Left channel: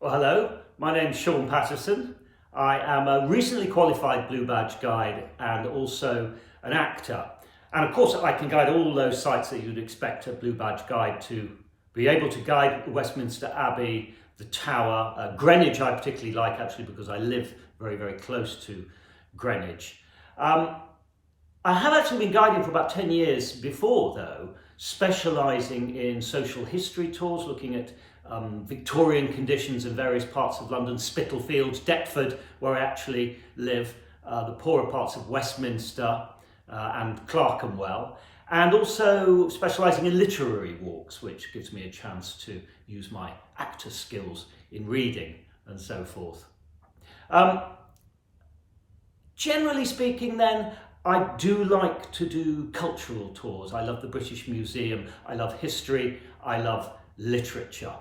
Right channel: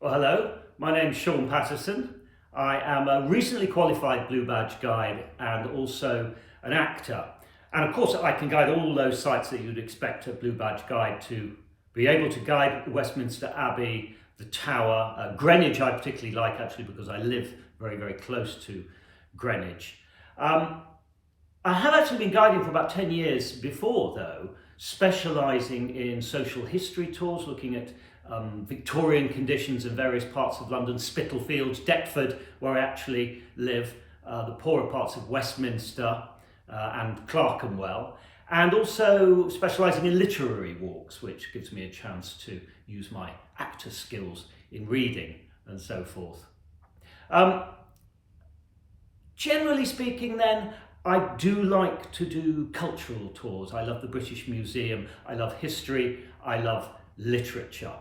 Well, hello, my name's Sean Patterson. I am a recently qualified Blue Badge guide and also an actor. And of course, I can guide all those sites that you'd expect a Blue Badge guide to be able to guide: Westminster Abbey, the Tower, Greenwich I particularly like actually because I live very, very close to Greenwich. I have actually been guiding for about 10 years before though, specialising in social history tours, looking at Victorian conditions in various parts of London, Spitalfields, Deptford, where I actually live, the poorer parts of Westminster and Clerkenwell, and also specialising in literary walks, which gives me a chance to use my actor skills in reading and so forth. Generally speaking then, I do like to do cultural tours. I love the British Museum, I love history, I love literature.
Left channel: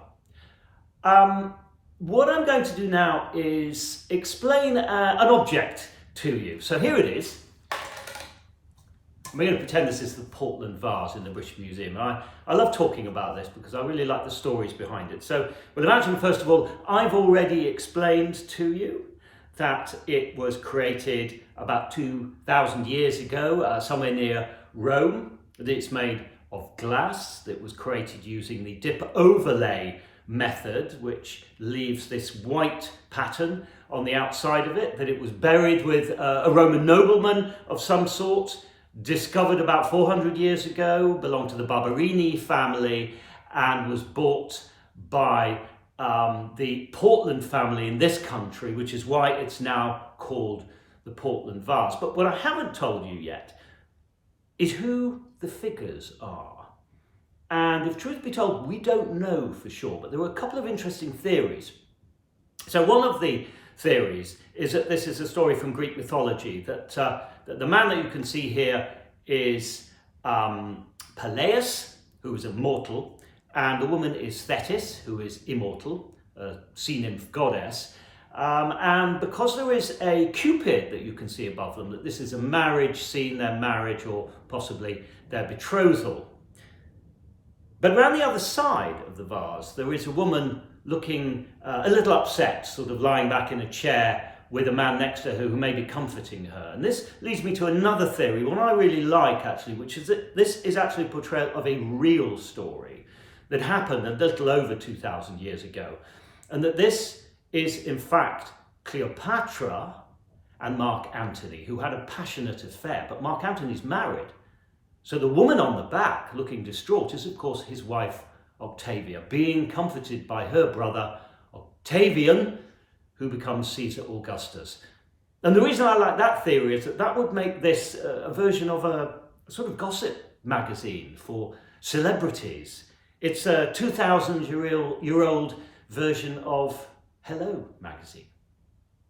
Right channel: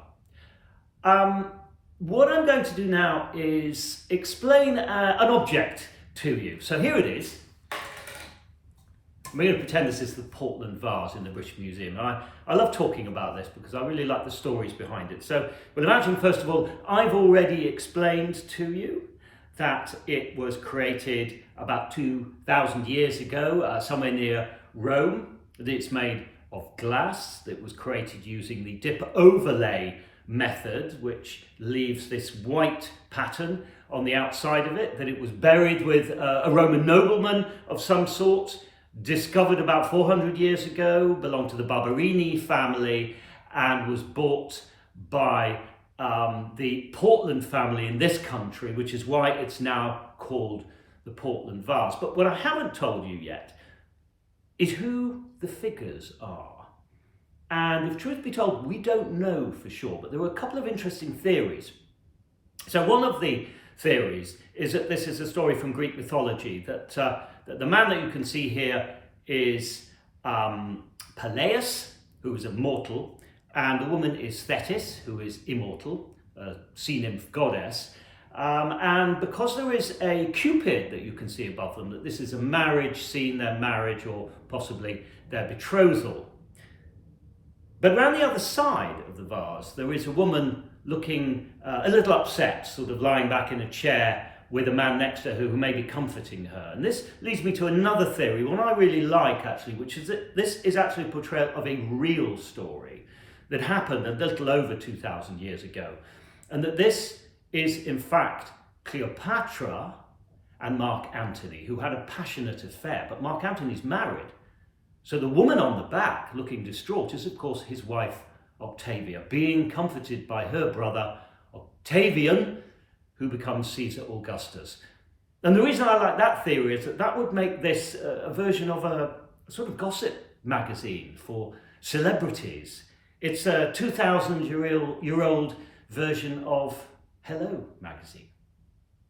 What I'm going to do now is explain an object to you. So here it is. I'm going to pretend this is the Portland vase in the British Museum. I love talking about this because I really like the stories behind it. So, well, imagine first of all, I've already explained to you that it was created about 2,000 years ago, somewhere near Rome. That it's made of glass, that was created using the dip overlay method, which leaves this white pattern on the outside of it, that it was buried with a Roman nobleman of some sort, discovered about 400 years ago, belonged to the Barberini family, and was bought by the Portland family in this country, which is why it's now called the Portland vase. But what I haven't told you yet is who the figures are. And if truth be told, we don't know for sure, but there were a couple of interesting theories. So one of the theories is that this is a story from Greek mythology, that the man that you can see here is Peleus, who is a mortal, and the woman is Thetis, who is immortal, a sea nymph goddess. And because there is a Cupid that you can see above them, that this is a marriage scene, their marriage or possibly their betrothal. But around the other side of the vase, there is a woman looking a little upset, sort of lying back in a chair with a man next to her who may be comforting her. And this leads me to another theory, one I really like actually, which is that this is actually a portrayal of a real story that happened a little over 2,000 years ago. And that this is in fact Cleopatra and Mark Antony, who had a passionate affair, but Mark Antony's married. So the woman on the back, looking distraught, is of course his wife Octavia, being comforted by her brother Octavian, who becomes Caesar Augustus. And the reason I like that theory is that that would make this a version of a sort of gossip magazine for celebrities. It's a 2,000-year-old version of Hello magazine.